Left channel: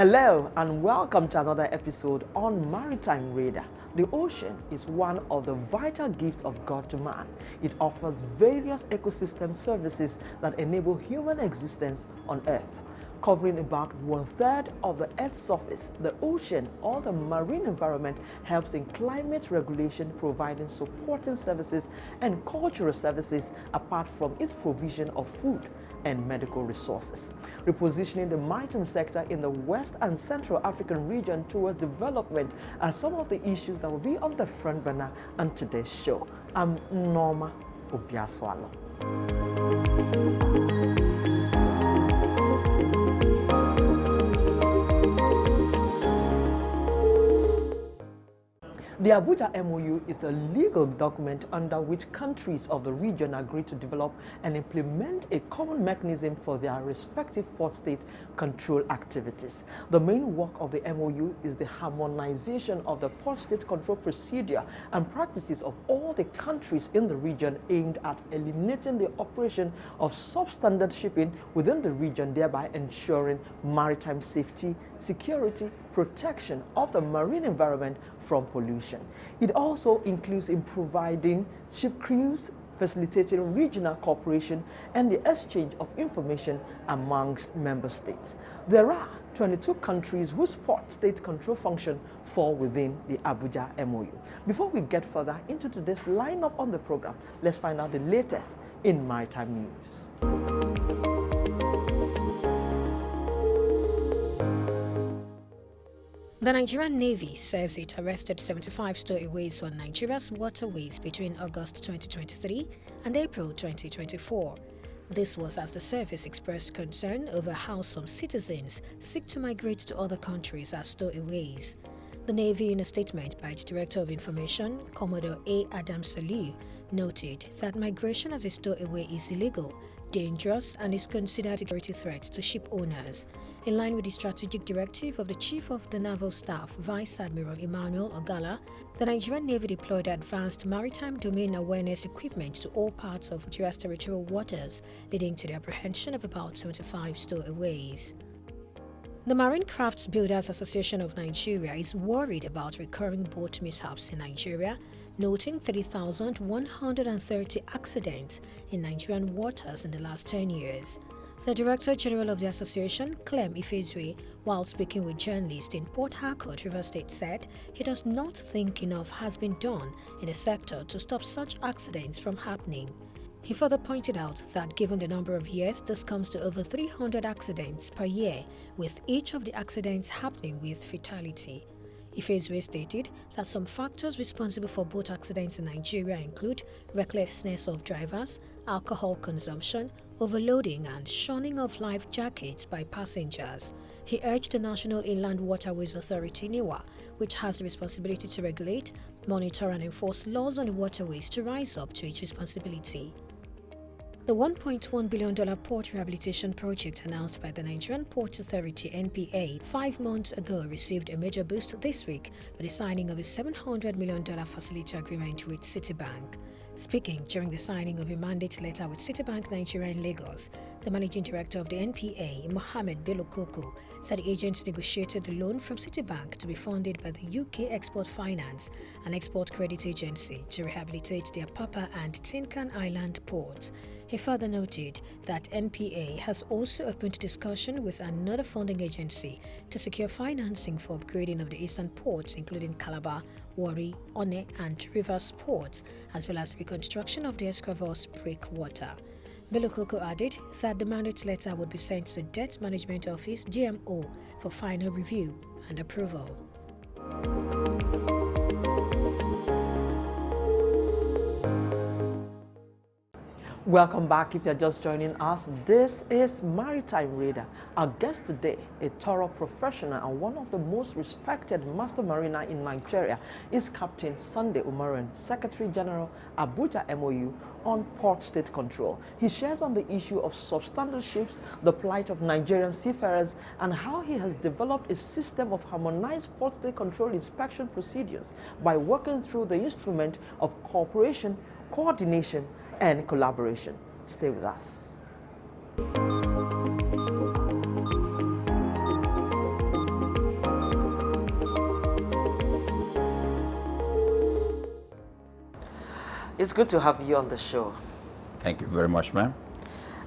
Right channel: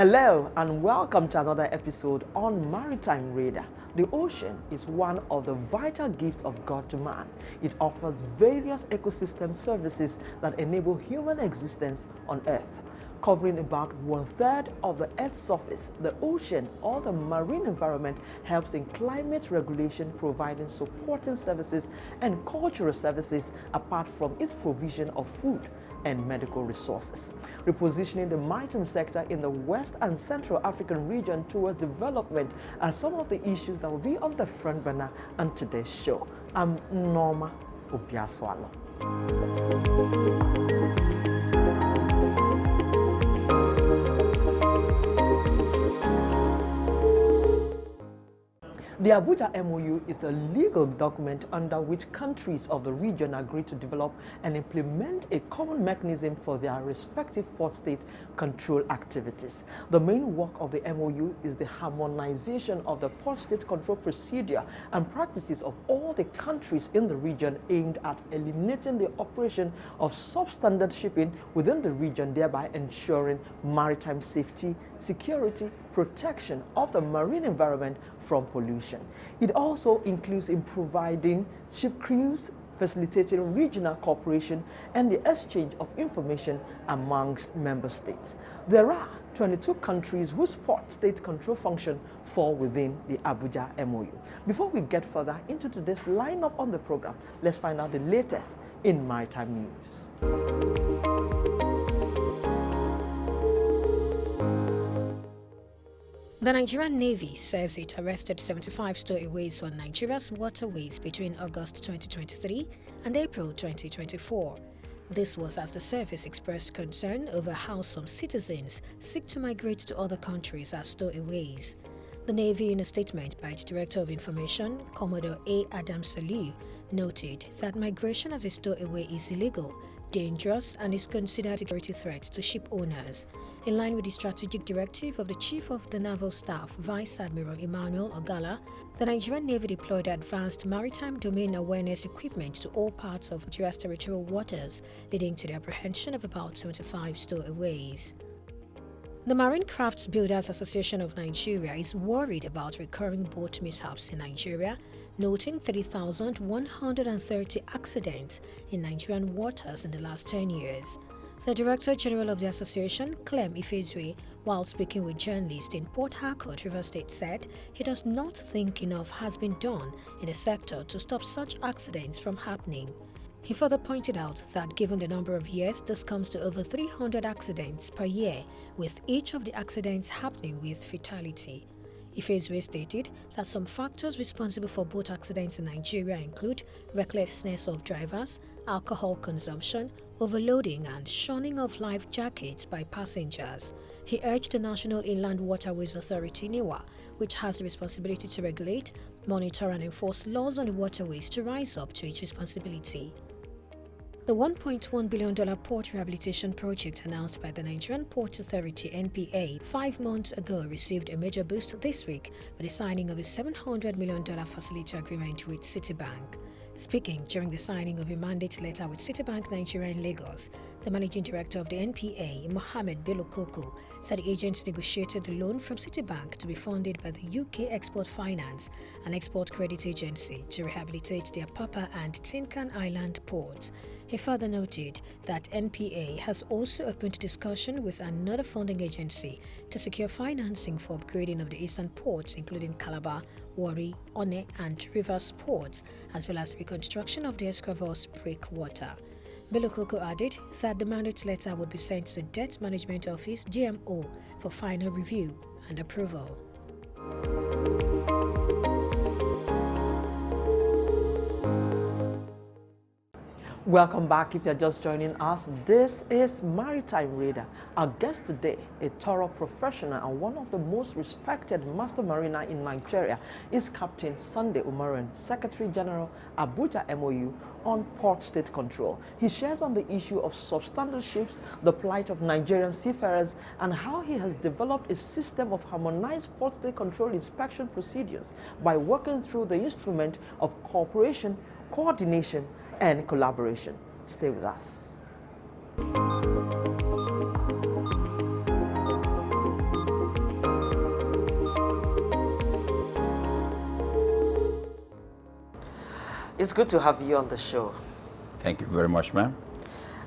Hello and welcome to another episode on Maritime Radar. The ocean is one of the vital gifts of God to man. It offers various ecosystem services that enable human existence on Earth. Covering about 1/3 of the Earth's surface, the ocean or the marine environment helps in climate regulation, providing supporting services and cultural services apart from its provision of food and medical resources. Repositioning the maritime sector in the West and Central African region towards development are some of the issues that will be on the front burner on today's show. I'm Nneoma Obi-Asualo. The Abuja MOU is a legal document under which countries of the region agree to develop and implement a common mechanism for their respective port state control activities. The main work of the MOU is the harmonization of the port state control procedure and practices of all the countries in the region, aimed at eliminating the operation of substandard shipping within the region, thereby ensuring maritime safety, security, protection of the marine environment from pollution. It also includes in providing ship crews, facilitating regional cooperation and the exchange of information amongst member states. There are 22 countries whose port state control function fall within the Abuja MOU. Before we get further into today's lineup on the program, let's find out the latest in maritime news. The Nigerian Navy says it arrested 75 stowaways on Nigeria's waterways between August 2023 and April 2024. This was as the service expressed concern over how some citizens seek to migrate to other countries as stowaways. The Navy, in a statement by its Director of Information, Commodore A. Adam Saliu, noted that migration as a stowaway is illegal, dangerous, and is considered a security threat to ship owners. In line with the strategic directive of the Chief of the Naval Staff, Vice Admiral Emmanuel Ogala, the Nigerian Navy deployed advanced maritime domain awareness equipment to all parts of Nigeria's territorial waters, leading to the apprehension of about 75 stowaways. The Marine Crafts Builders Association of Nigeria is worried about recurring boat mishaps in Nigeria, noting 3,130 accidents in Nigerian waters in the last 10 years. The Director General of the association, Clem Ifezue, while speaking with journalists in Port Harcourt, Rivers State, said he does not think enough has been done in the sector to stop such accidents from happening. He further pointed out that given the number of years, this comes to over 300 accidents per year, with each of the accidents happening with fatality. Ifezue stated that some factors responsible for boat accidents in Nigeria include recklessness of drivers, alcohol consumption, overloading, and shunning of life jackets by passengers. He urged the National Inland Waterways Authority (NEWA), which has the responsibility to regulate, monitor, and enforce laws on the waterways, to rise up to its responsibility. The $1.1 billion port rehabilitation project announced by the Nigerian Ports Authority (NPA) 5 months ago received a major boost this week with the signing of a $700 million facility agreement with Citibank. Speaking during the signing of a mandate letter with Citibank Nigeria in Lagos, the managing director of the NPA, Mohammed Bello Koko, said the agency negotiated the loan from Citibank to be funded by the UK Export Finance and Export Credit Agency to rehabilitate the Apapa and Tinkan Island ports. He further noted that NPA has also opened discussion with another funding agency to secure financing for upgrading of the eastern ports, including Calabar, Warri, Onne, and Rivers ports, as well as the reconstruction of the Escravos breakwater. Bello Koko added that the mandate letter would be sent to Debt Management Office (DMO) for final review and approval. Welcome back. If you're just joining us, this is Maritime Radar. Our guest today, a thorough professional and one of the most respected master mariner in Nigeria, is Captain Sunday Umoren, Secretary General, Abuja MOU, on port state control. He shares on the issue of substandard ships, the plight of Nigerian seafarers, and how he has developed a system of harmonized port state control inspection procedures by working through the instrument of cooperation, coordination, and collaboration. Stay with us. It's good to have you on the show. Thank you very much, ma'am.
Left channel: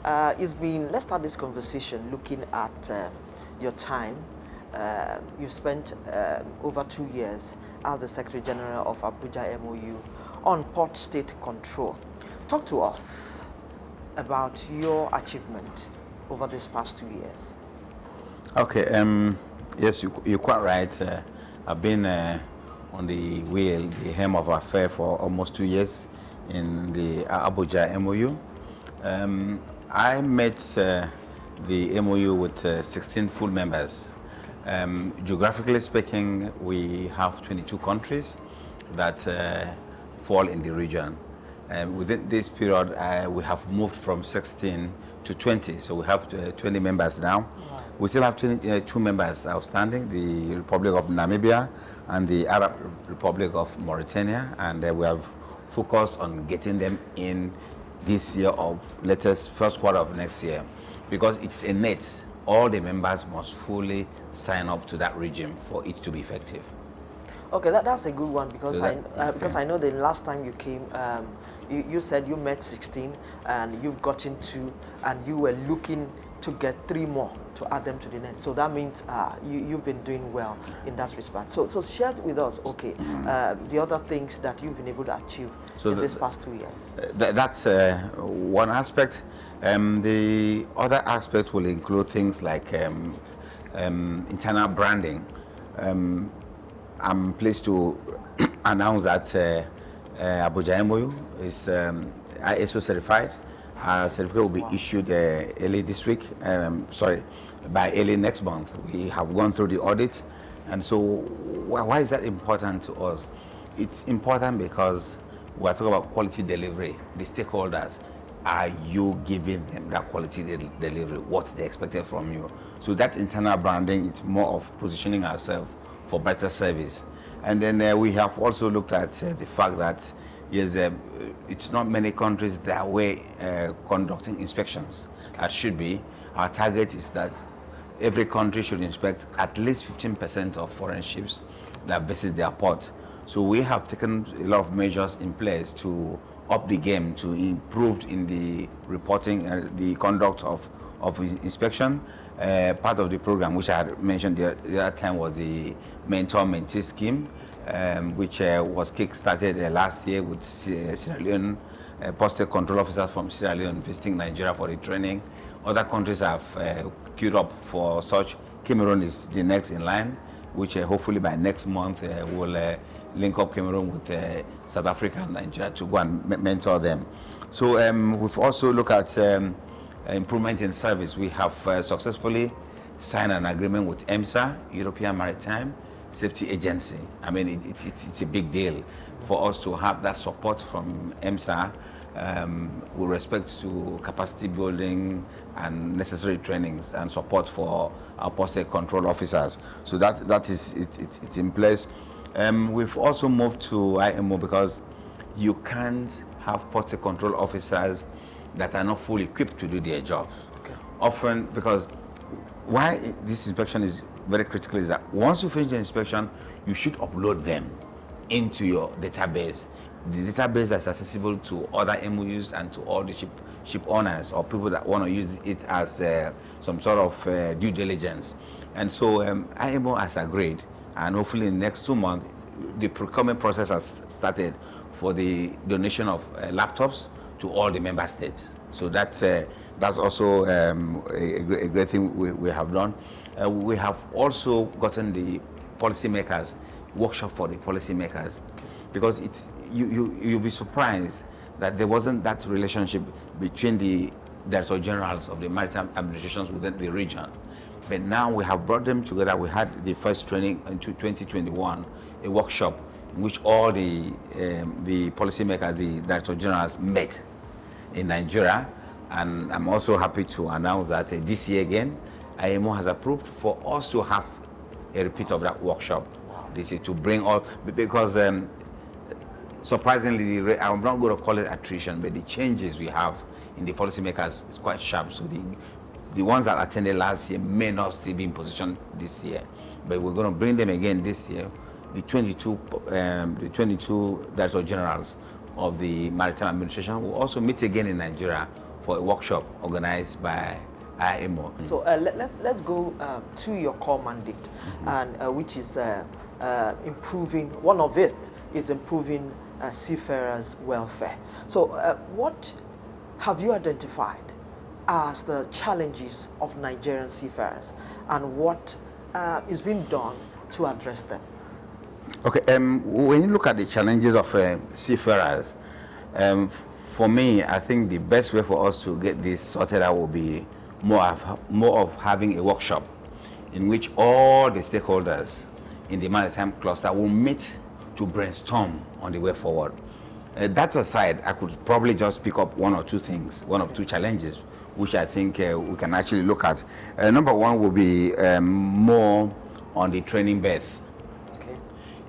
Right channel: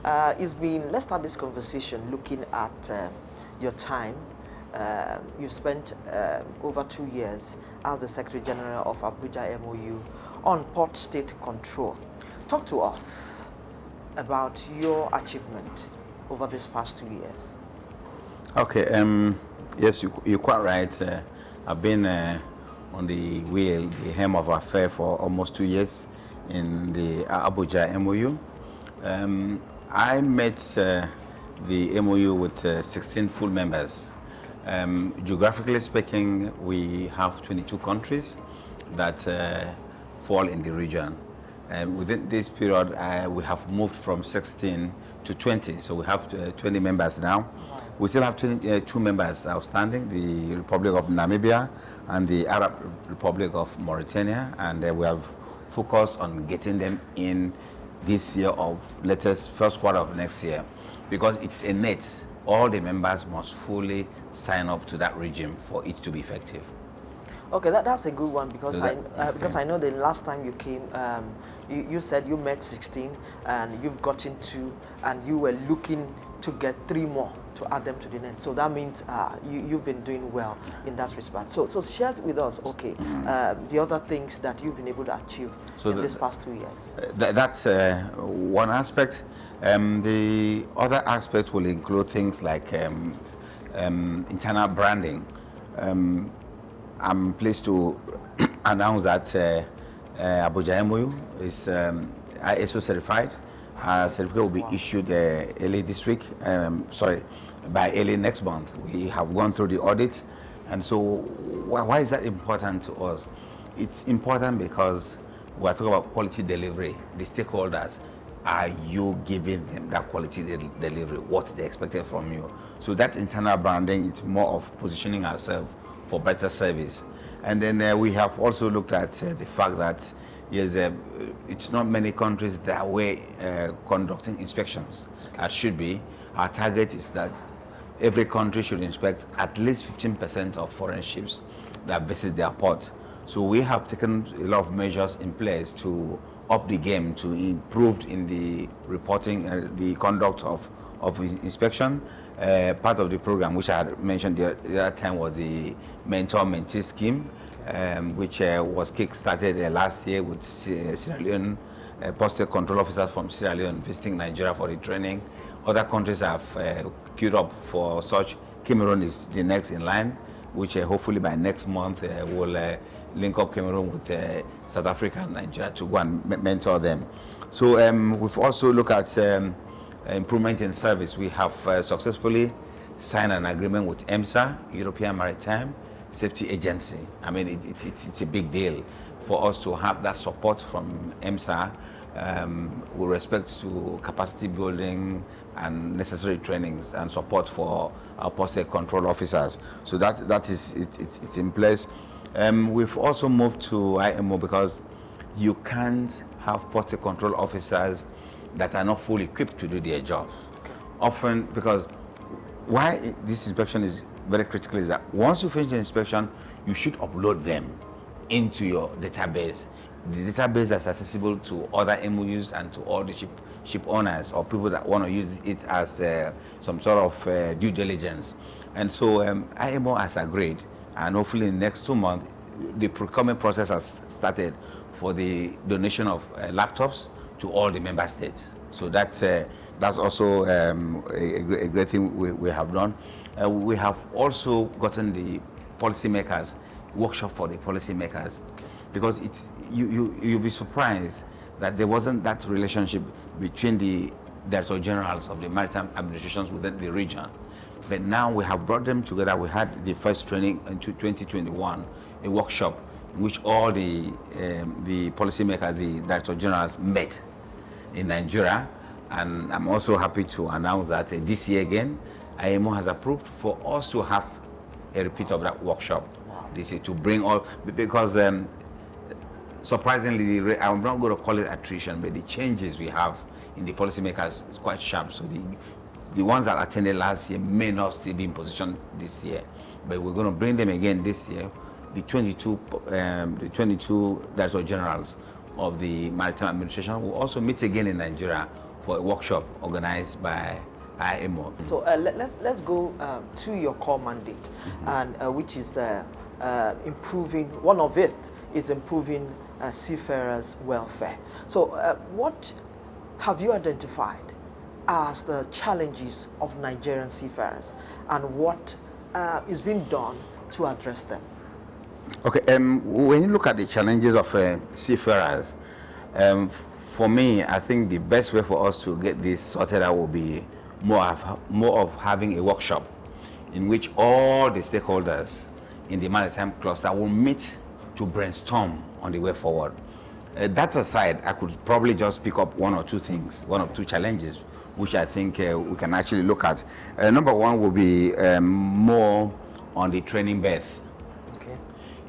Let's start this conversation looking at your time. You spent over 2 years as the Secretary General of Abuja MOU on port state control. Talk to us about your achievement over these past 2 years. Okay, yes, you're quite right. I've been on the wheel, the helm of affair for almost 2 years in the Abuja MOU. I met the MOU with 16 full members. Geographically speaking, we have 22 countries that fall in the region. Within this period, we have moved from 16 to 20, so we have 20 members now. Wow. We still have 22 members outstanding, the Republic of Namibia and the Arab Republic of Mauritania, and we have focused on getting them in this year of latest first quarter of next year, because it's a net. All the members must fully sign up to that regime for it to be effective. Okay, that's a good one, because I know the last time you came, you said you met 16 and you've gotten 2, and you were looking to get 3 more to add them to the net. So that means you've been doing well in that respect. So share with us, okay, the other things that you've been able to achieve in this past 2 years. That's one aspect. The other aspect will include things like internal branding. I'm pleased to announce that Abuja MOU is ISO certified. Certificate will be issued early this week, by early next month. We have gone through the audit, and so why is that important to us? It's important because we're talking about quality delivery. The stakeholders, are you giving them that quality delivery? What's they expected from you? So that internal branding, it's more of positioning ourselves for better service. And then we have also looked at the fact that yes, it's not many countries that way conducting inspections as should be. Our target is that every country should inspect at least 15% of foreign ships that visit their port. So we have taken a lot of measures in place to up the game, to improve in the reporting, the conduct of inspection. Part of the program, which I had mentioned the other time, was the mentor-mentee scheme, which was kick-started last year with Sierra Leone, posted control officers from Sierra Leone visiting Nigeria for the training. Other countries have queued up for such. Cameroon is the next in line, which hopefully by next month will link up Cameroon with South Africa and Nigeria to go and mentor them. So we've also looked at improvement in service. We have successfully signed an agreement with EMSA, European Maritime Safety Agency. I mean, it's a big deal for us to have that support from EMSA with respect to capacity building and necessary trainings and support for our posted control officers. So that is it's in place. We've also moved to IMO because you can't have posted control officers that are not fully equipped to do their job. Okay. Often, because why this inspection is very critical is that once you finish the inspection, you should upload them into your database. The database that's accessible to other MOUs and to all the ship owners or people that want to use it as some sort of due diligence. And so IMO has agreed, and hopefully in the next 2 months, the procurement process has started for the donation of laptops to all the member states. So that's also a great thing we have done. We have also gotten the policymakers, workshop for the policymakers, because you'll be surprised that there wasn't that relationship between the Director Generals of the maritime administrations within the region. But now we have brought them together. We had the first training in 2021, a workshop in which all the policymakers, the Director Generals met in Nigeria. And I'm also happy to announce that this year again, IMO has approved for us to have a repeat of that workshop. Wow. This is to bring all, because surprisingly, I'm not going to call it attrition, but the changes we have in the policymakers is quite sharp. So the ones that attended last year may not still be in position this year, but we're going to bring them again this year. The 22 Director Generals of the Maritime Administration will also meet again in Nigeria for a workshop organized by IMO. So let's go to your core mandate, and which is improving. One of it is improving seafarers' welfare. So what have you identified as the challenges of Nigerian seafarers, and what is being done to address them? Okay, when you look at the challenges of seafarers, for me, I think the best way for us to get this sorted out will be more of having a workshop in which all the stakeholders in the maritime cluster will meet to brainstorm on the way forward. That aside, I could probably just pick up one or two challenges, which I think we can actually look at. Number one will be more on the training berth. Okay.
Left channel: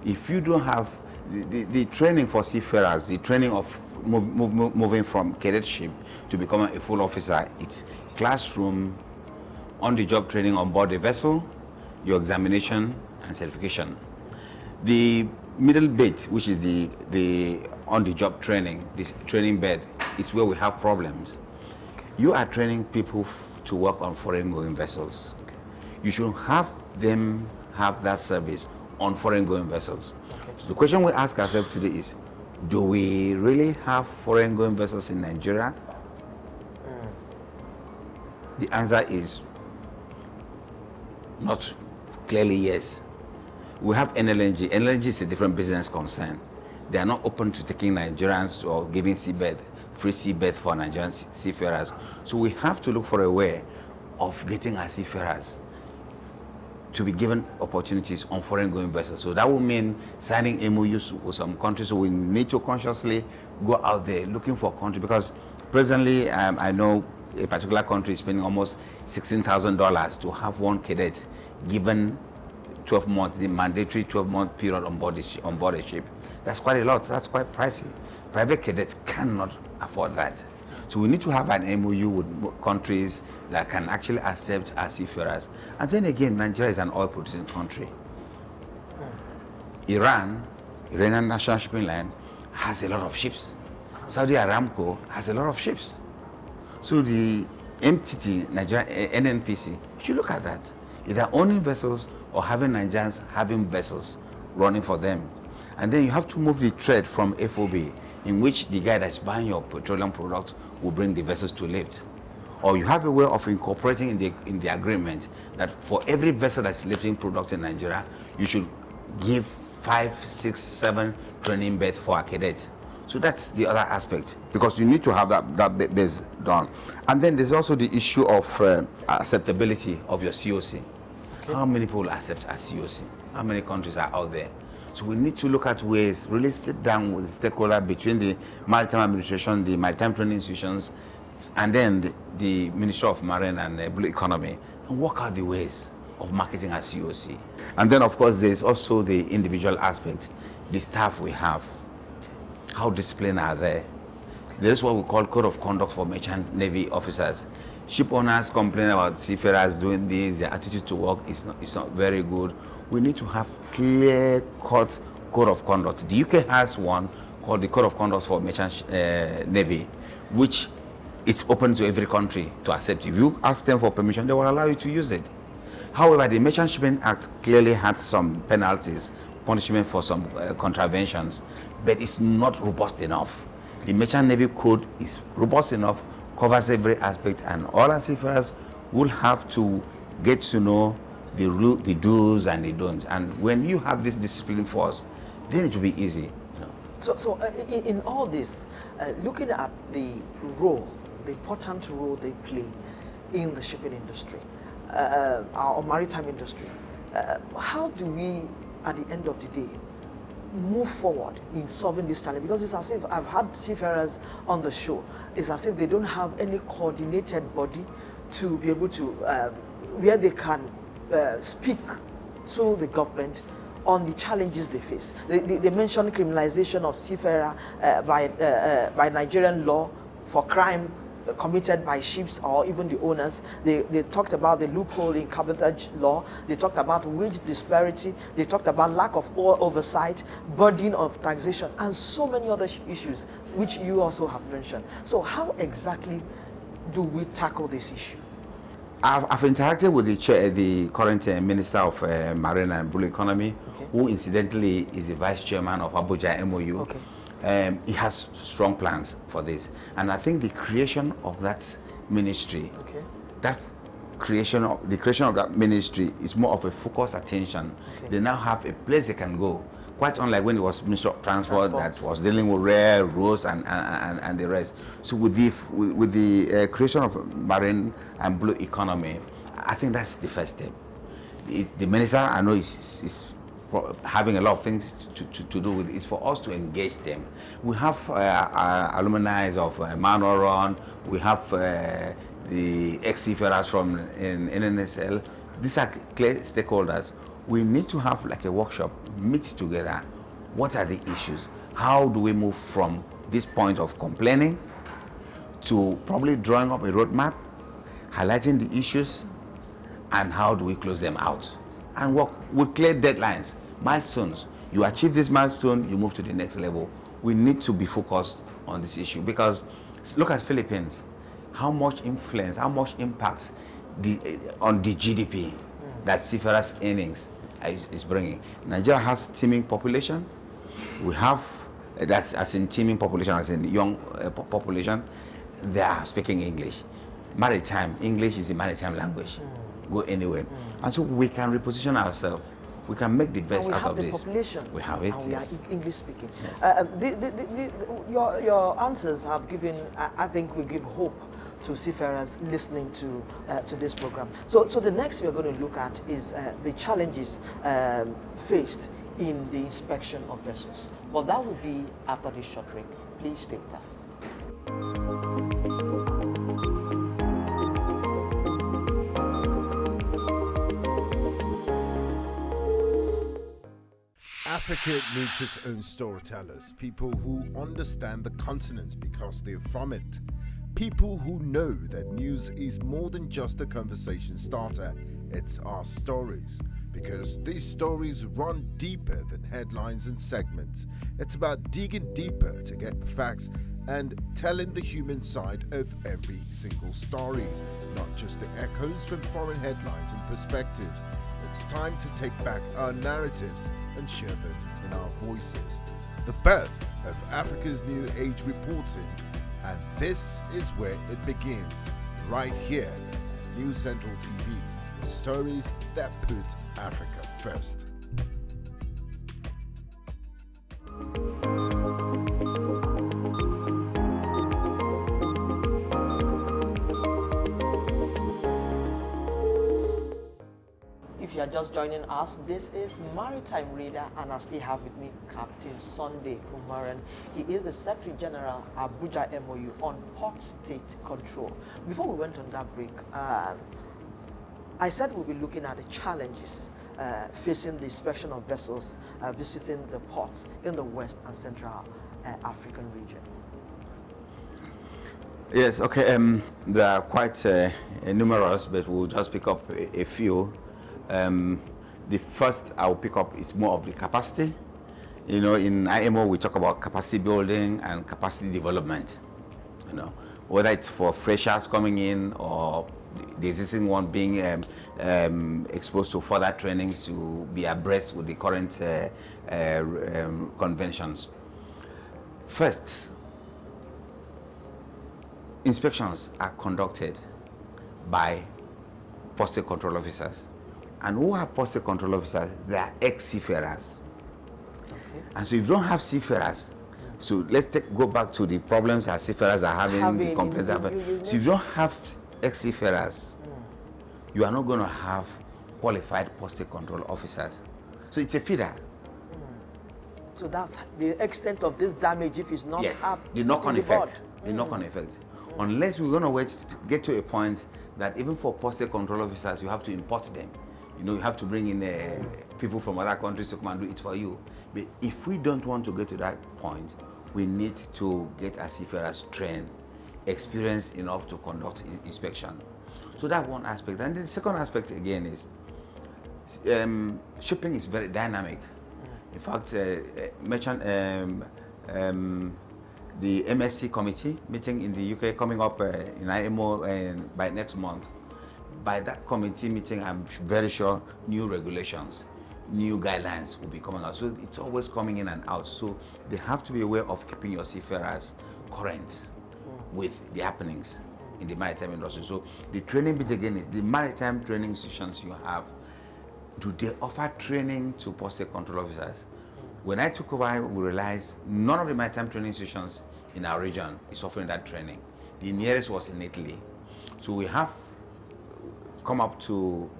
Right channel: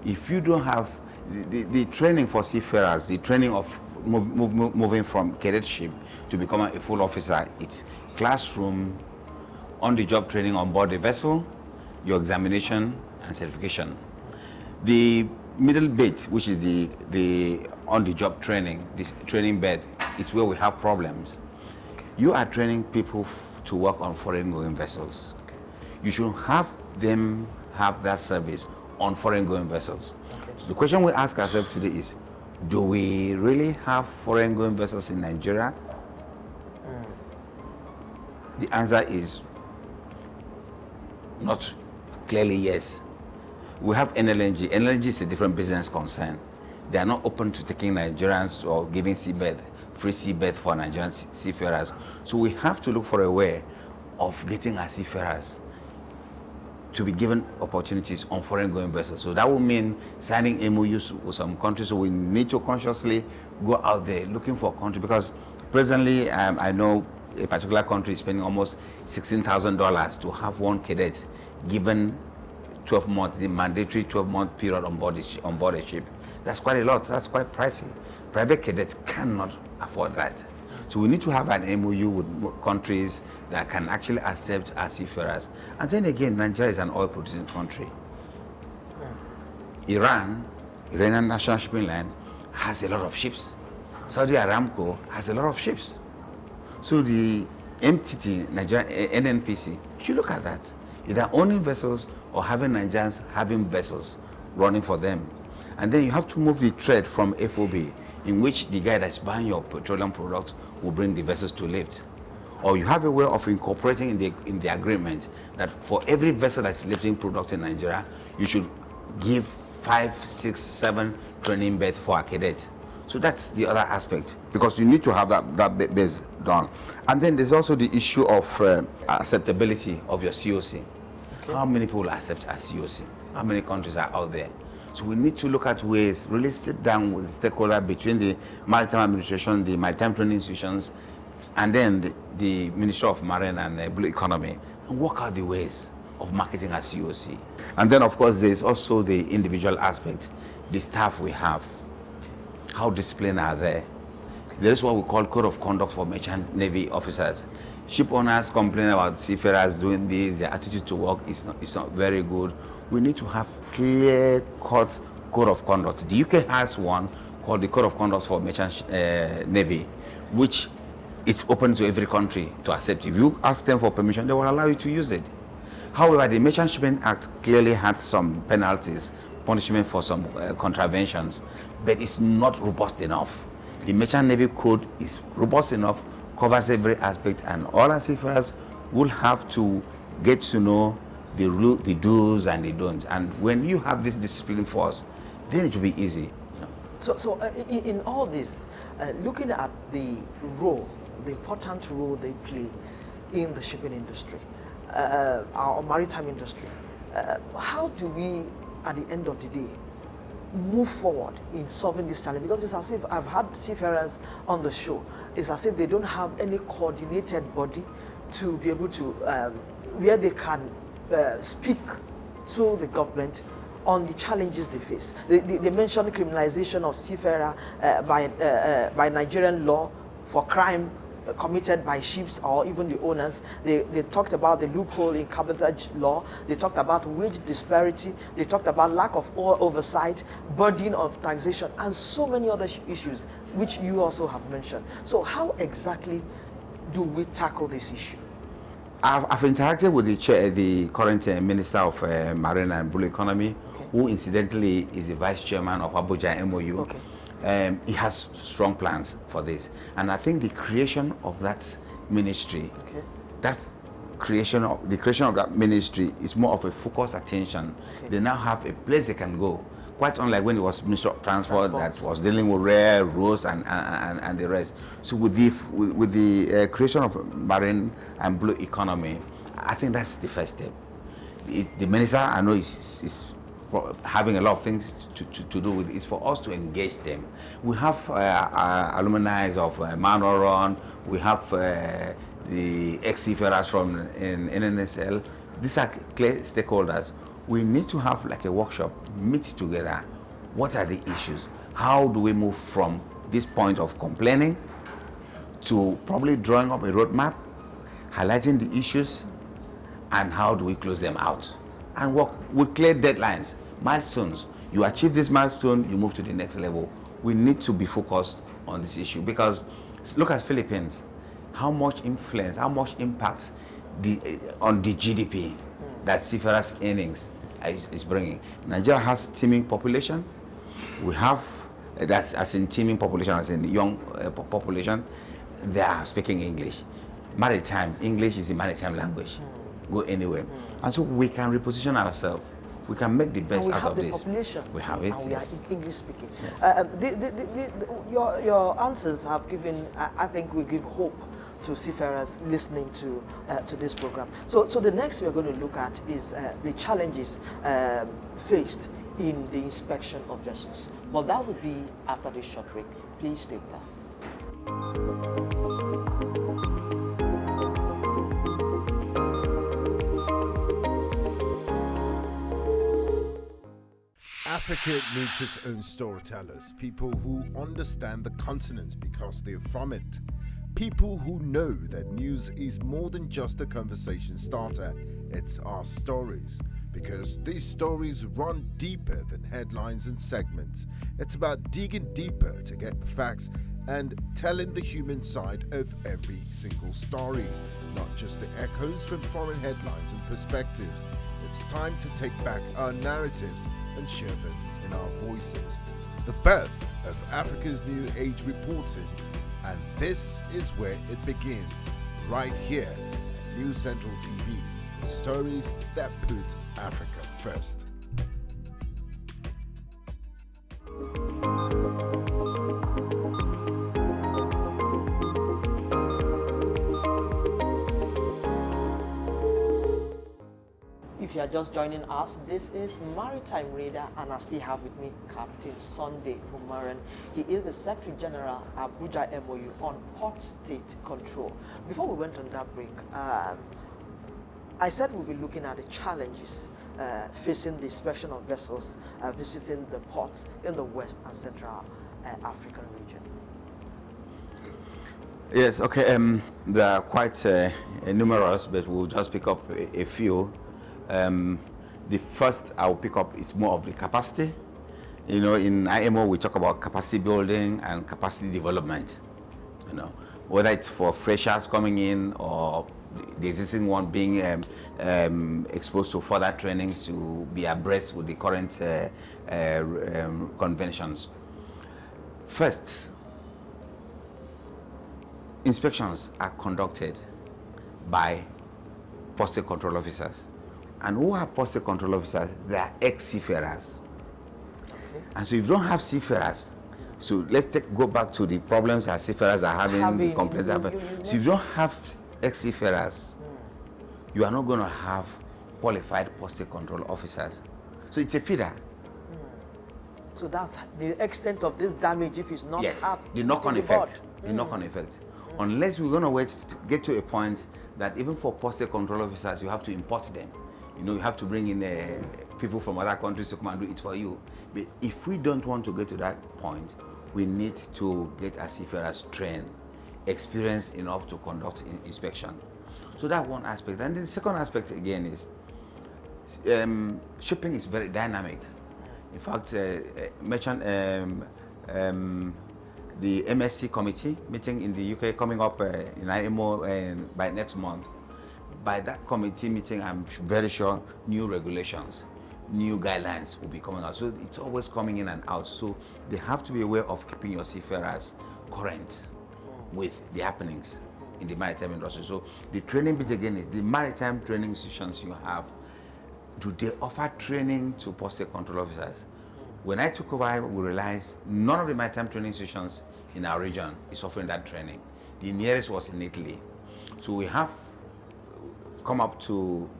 If you don't have the training for seafarers, the training of moving from cadetship to becoming a full officer, it's classroom, on-the-job training on board the vessel, your examination and certification. The middle bit, which is the on-the-job training, this training bed, is where we have problems. You are training people to work on foreign-going vessels. You should have them have that service on foreign-going vessels. So the question we ask ourselves today is, do we really have foreign-going vessels in Nigeria? The answer is not clearly yes. We have NLNG. NLNG is a different business concern. They are not open to taking Nigerians or giving free seabed for Nigerian seafarers. So we have to look for a way of getting our seafarers to be given opportunities on foreign-going vessels. So that will mean signing MOUs with some countries. So we need to consciously go out there looking for countries, because presently I know a particular country is spending almost $16,000 to have one cadet given 12 months, the mandatory 12-month period on board a ship. That's quite a lot. That's quite pricey. Private cadets cannot afford that. So we need to have an MOU with countries that can actually accept our seafarers. And then again, Nigeria is an oil-producing country. Iranian National Shipping Line, has a lot of ships. Saudi Aramco has a lot of ships. So the MTT, Nigeria, NNPC, should look at that. Either owning vessels or having Nigerians having vessels running for them. And then you have to move the trade from FOB, in which the guy that's buying your petroleum product will bring the vessels to lift. Or you have a way of incorporating in the agreement that for every vessel that's lifting products in Nigeria, you should give 5, 6, 7 training berths for a cadet. So that's the other aspect, because you need to have that base done. And then there's also the issue of acceptability of your COC. Okay. How many people accept a COC? How many countries are out there? So we need to look at ways, really sit down with the stakeholder between the Maritime Administration, the Maritime Training Institutions, and then the Ministry of Marine and Blue Economy, and work out the ways of marketing a COC. And then, of course, there's also the individual aspect, the staff we have. How disciplined are they? There is what we call code of conduct for merchant navy officers. Ship owners complain about seafarers doing this, their attitude to work is not very good. We need to have clear-cut code of conduct. The UK has one called the Code of Conduct for Merchant Navy, which it's open to every country to accept. If you ask them for permission, they will allow you to use it. However, the Merchant Shipping Act clearly had some penalties, punishment for some contraventions, but it's not robust enough. The Merchant Navy Code is robust enough, covers every aspect, and all our seafarers will have to get to know the do's and the don'ts. And when you have this discipline force, then it will be easy. So in all this, looking at the role, the important role they play in the shipping industry, our maritime industry, how do we, at the end of the day, move forward in solving this challenge? Because it's as if I've had seafarers on the show. It's as if they don't have any coordinated body to be able to, where they can speak to the government on the challenges they face. They mentioned criminalization of seafarer by Nigerian law for crime committed by ships or even the owners. They talked about the loophole in cabotage law. They talked about wage disparity. They talked about lack of oversight, burden of taxation, and so many other issues, which you also have mentioned. So how exactly do we tackle this issue? I've interacted with the current Minister of Marine and Blue Economy, who incidentally is the Vice Chairman of Abuja MOU. Okay. He has strong plans for this. And I think the creation of that ministry, the creation of that ministry is more of a focused attention. They now have a place they can go. Quite unlike when it was Minister of Transport that was dealing with rail, roads, and the rest. So with the creation of marine and blue economy, I think that's the first step. The minister, I know, is having a lot of things to do with it. It's for us to engage them. We have alumni of Umoren. We have the ex-seafarers from NNSL. These are clear stakeholders. We need to have like a workshop, meet together. What are the issues? How do we move from this point of complaining to probably drawing up a roadmap, highlighting the issues, and how do we close them out? And work with clear deadlines, milestones. You achieve this milestone, you move to the next level. We need to be focused on this issue because look at Philippines, how much influence, how much impact on the GDP that seafarers' earnings is bringing. Nigeria has teeming population. We have, that's as in teeming population, as in young population. They are speaking English. Maritime, English is the maritime language. Go anywhere. And so we can reposition ourselves. We can make the best out of this. Population. We have it. And we yes. are English speaking. Yes. Your answers have given, I think, will give hope to seafarers listening to this program. So the next we are going to look at is the challenges faced in the inspection of vessels. But that will be after this short break. Please stay with us. Africa needs its own storytellers, people who understand the continent because they're from it. People who know that news is more than just a conversation starter, it's our stories. Because these stories run deeper than headlines and segments. It's about digging deeper to get the facts and telling the human side of every single story, not just the echoes from foreign headlines and perspectives. It's time to take back our narratives and share them in our voices. The birth of Africa's New Age reporting, and this is where it begins, right here at News Central TV, with stories that put Africa first. If you are just joining us, this is Maritime Reader, and I still have with me Captain Sunday Umoren. He is the Secretary General Abuja MOU on Port State Control. Before we went on that break, I said we'll be looking at the challenges facing the inspection of vessels visiting the ports in the West and Central African region. Yes, okay. There are quite numerous, but we'll just pick up a few. The first I'll pick up is more of the capacity. You know, in IMO we talk about capacity building and capacity development. You know, whether it's for freshers coming in or the existing one being exposed to further trainings to be abreast with the current conventions. First, inspections are conducted by postal control officers. And who are postal control officers? They are ex-seafarers. Okay. And so if you don't have seafarers, so let's go back to the problems that seafarers are having, the complaints are having. So if you don't have ex-seafarers, you are not going to have qualified postal control officers. So it's a feeder. So that's the extent of this damage if it's not the knock-on effect. The knock-on effect. Unless we're going to wait to get to a point that even for postal control officers, you have to import them. You know, you have to bring in people from other countries to come and do it for you. But if we don't want to get to that point, we need to get our seafarers trained experienced enough to conduct inspection. So that's one aspect. And the second aspect again is shipping is very dynamic. In fact, the MSC committee meeting in the UK coming up in IMO by next month. By that committee meeting, I'm very sure new regulations, new guidelines will be coming out. So it's always coming in and out. So they have to be aware of keeping your seafarers current with the happenings in the maritime industry. So the training bit again is the maritime training institutions you have. Do they offer training to postal control officers? When I took over, we realized none of the maritime training institutions in our region is offering that training. The nearest was in Italy. So we have come up to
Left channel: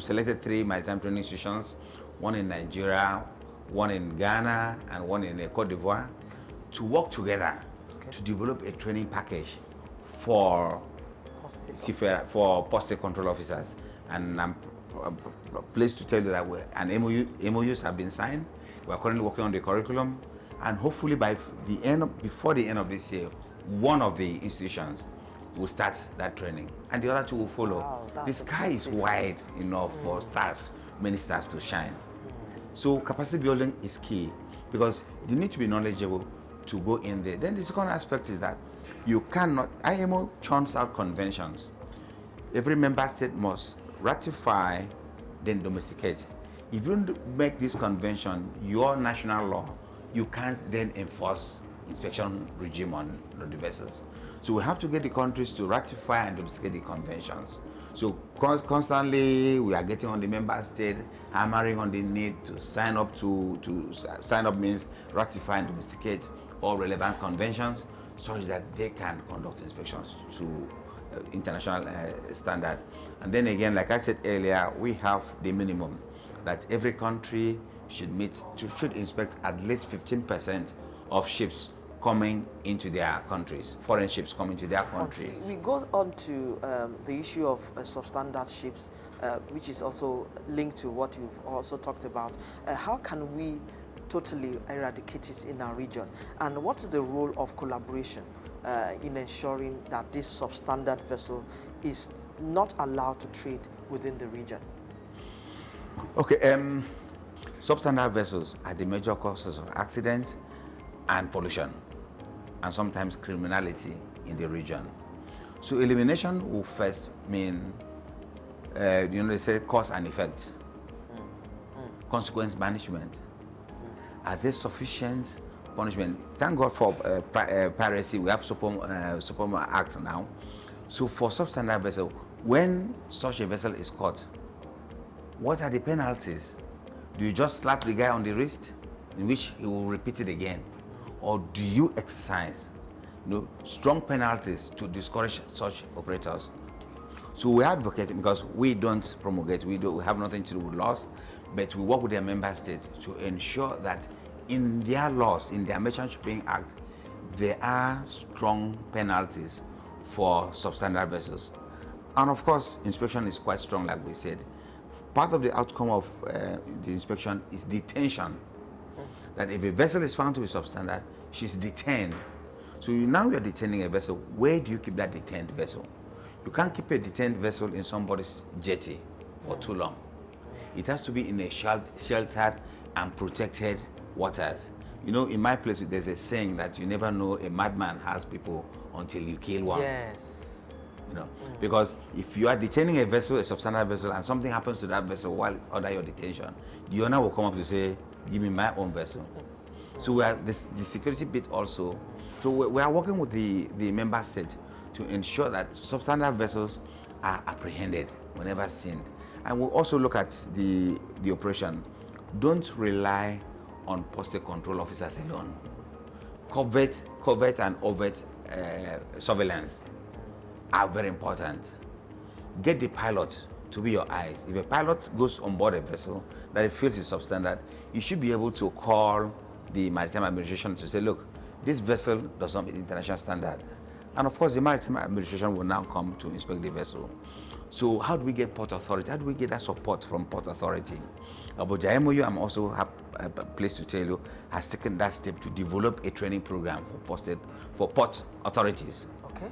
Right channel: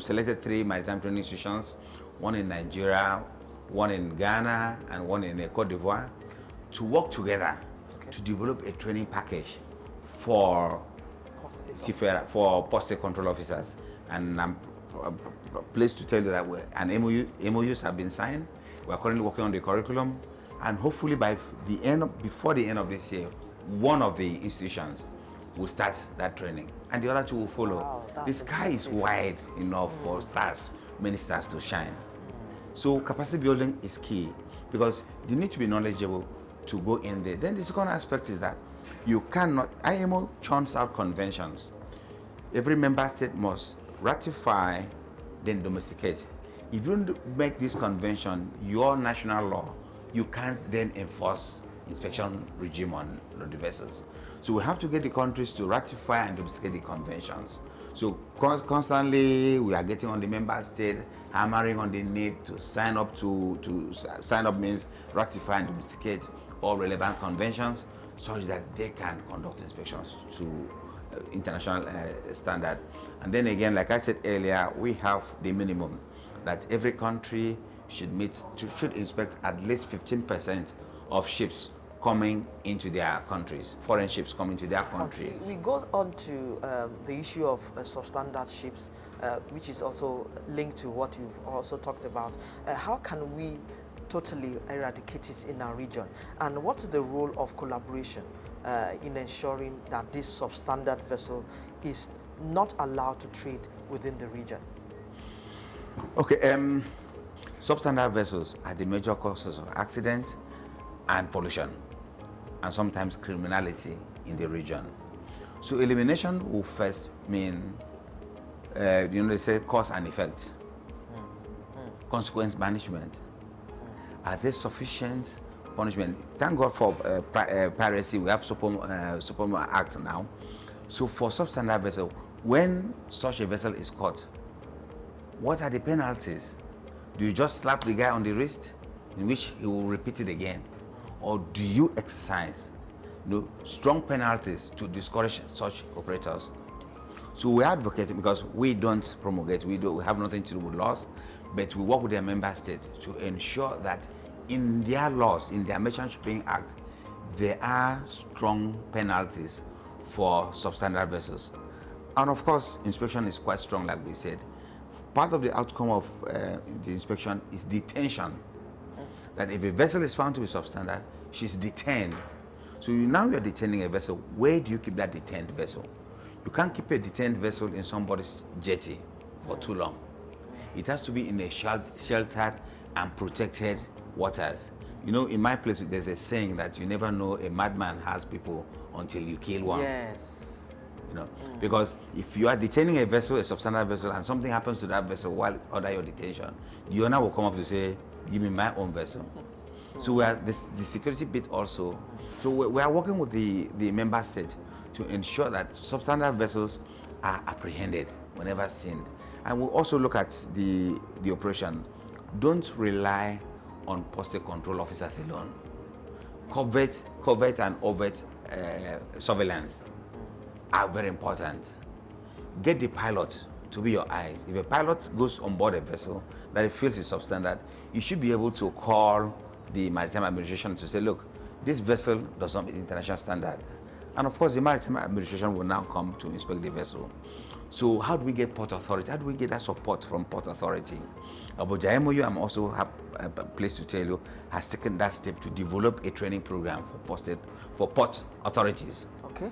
selected 3 maritime training institutions, one in Nigeria, one in Ghana, and one in Cote d'Ivoire, to work together to develop a training package for postal control officers. And I'm pleased to tell you that MOUs have been signed. We are currently working on the curriculum, and hopefully before the end of this year, one of the institutions will start that training, and the other 2 will follow. Wow, the sky is wide enough for many stars to shine. So capacity building is key, because you need to be knowledgeable to go in there. Then the second aspect is that you cannot, IMO churns out conventions. Every member state must ratify, then domesticate. If you don't make this convention your national law, you can't then enforce inspection regime on the vessels. So we have to get the countries to ratify and domesticate the conventions. So constantly we are getting on the member state, hammering on the need to sign up sign up means ratify and domesticate all relevant conventions such that they can conduct inspections to international standard. And then again, like I said earlier, we have the minimum that every country should inspect at least 15% of ships coming into their countries, foreign ships coming to their country. We go on to the issue of substandard ships, which is also linked to what you've also talked about. How can we totally eradicate it in our region? And what is the role of collaboration in ensuring that this substandard vessel is not allowed to trade within the region? Okay, substandard vessels are the major causes of accidents and pollution, and sometimes criminality in the region. So elimination will first mean, they say cause and effect, consequence management. Are there sufficient punishment? Thank God for piracy. We have Supoma Act now. So for substandard vessel, when such a vessel is caught, what are the penalties? Do you just slap the guy on the wrist, in which he will repeat it again? Or do you exercise strong penalties to discourage such operators? So we advocate, because we don't promulgate, we have nothing to do with laws, but we work with their member states to ensure that in their laws, in their Merchant Shipping Act, there are strong penalties for substandard vessels. And of course, inspection is quite strong, like we said. Part of the outcome of the inspection is detention. That if a vessel is found to be substandard, she's detained. So now you're detaining a vessel. Where do you keep that detained vessel? You can't keep a detained vessel in somebody's jetty for too long. It has to be in a sheltered and protected waters. In my place, there's a saying that you never know a madman has people until you kill one. Yes. Because if you are detaining a vessel, a substandard vessel, and something happens to that vessel while under your detention, the owner will come up to say, give me my own vessel. So we are the security bit also. So we are working with the member state to ensure that substandard vessels are apprehended whenever seen. And we'll also look at the operation. Don't rely on postal control officers alone. Covert and overt surveillance are very important. Get the pilot to be your eyes. If a pilot goes on board a vessel that it feels is substandard, you should be able to call the Maritime Administration to say, look, this vessel does not meet international standard. And of course, the Maritime Administration will now come to inspect the vessel. So how do we get Port Authority? How do we get that support from Port Authority? Abuja MOU, I'm also pleased to tell you, has taken that step to develop a training program for port authorities. Okay.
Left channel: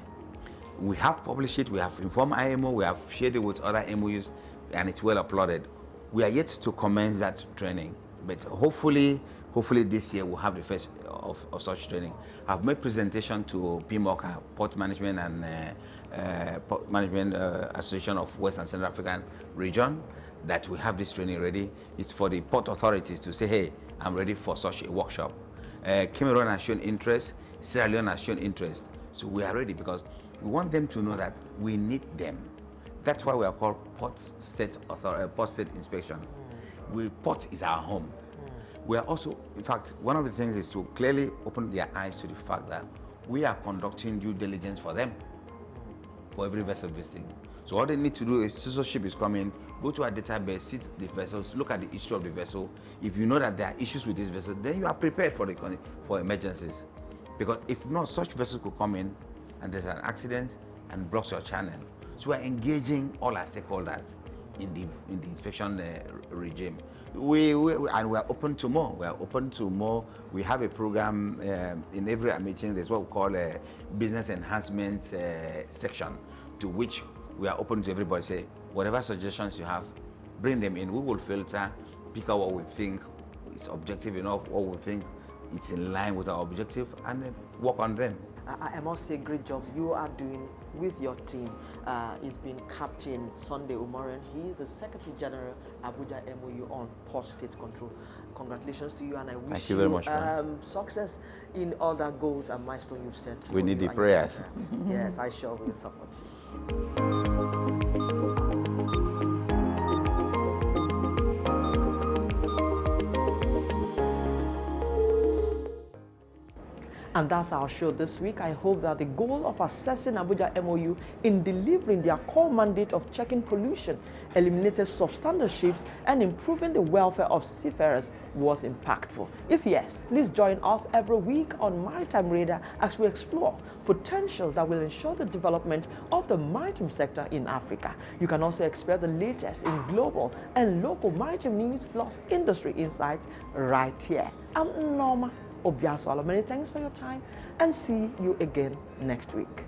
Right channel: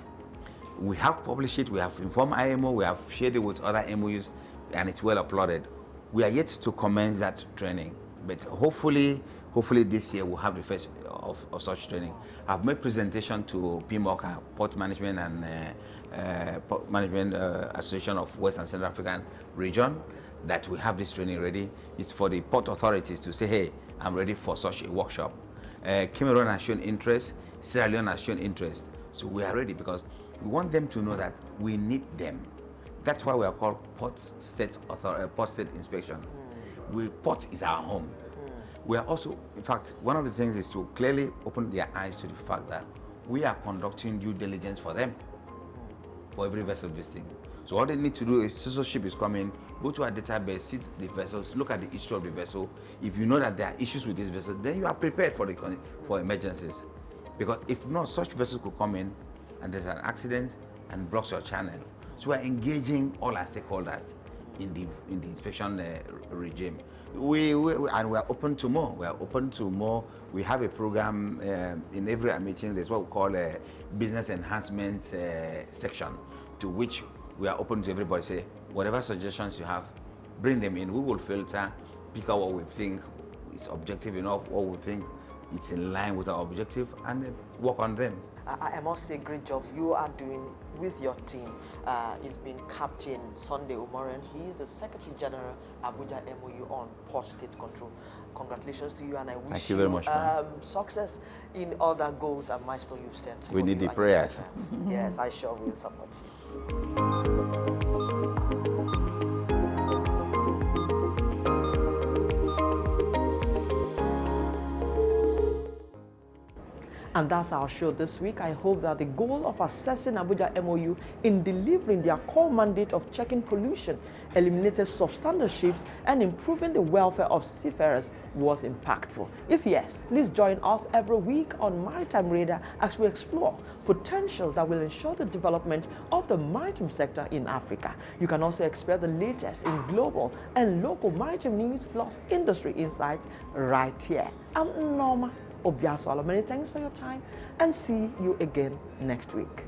We have published it, we have informed IMO, we have shared it with other MOUs, and it's well uploaded. We are yet to commence that training, but hopefully this year we'll have the first of such training. I've made presentation to PMOCA, Port Management and Port Management Association of West and Central African Region, that we have this training ready. It's for the port authorities to say, hey, I'm ready for such a workshop. Cameroon has shown interest, Sierra Leone has shown interest, so we are ready because we want them to know that we need them. That's why we are called Port State Inspection. Port is our home. We are also, in fact, one of the things is to clearly open their eyes to the fact that we are conducting due diligence for them, for every vessel visiting. So all they need to do is, so ship is coming, go to our database, see the vessels, look at the history of the vessel. If you know that there are issues with this vessel, then you are prepared for emergencies. Because if not, such vessels could come in and there's an accident and blocks your channel. So we're engaging all our stakeholders in the inspection regime. We are open to more. We are open to more. We have a program in every meeting. There's what we call a business enhancement section, to which we are open to everybody. Say whatever suggestions you have, bring them in. We will filter, pick out what we think is objective enough, what we think it's in line with our objective, and then work on them. I must say, great job you are doing with your team. It's been Captain Sunday Umoren. He is the Secretary General, Abuja MOU on Port State Control. Congratulations to you, and I wish you very much, success in all the goals and milestones you've set. We need the prayers. Yes, I sure will support you. And that's our show this week. I hope that the goal of assessing Abuja MOU in delivering their core mandate of checking pollution, eliminating substandard ships, and improving the welfare of seafarers was impactful. If yes, please join us every week on Maritime Radar as we explore potential that will ensure the development of the maritime sector in Africa. You can also expect the latest in global and local maritime news plus industry insights right here. I'm Nneoma. Obi-Asualo. Many thanks for your time, and see you again next week.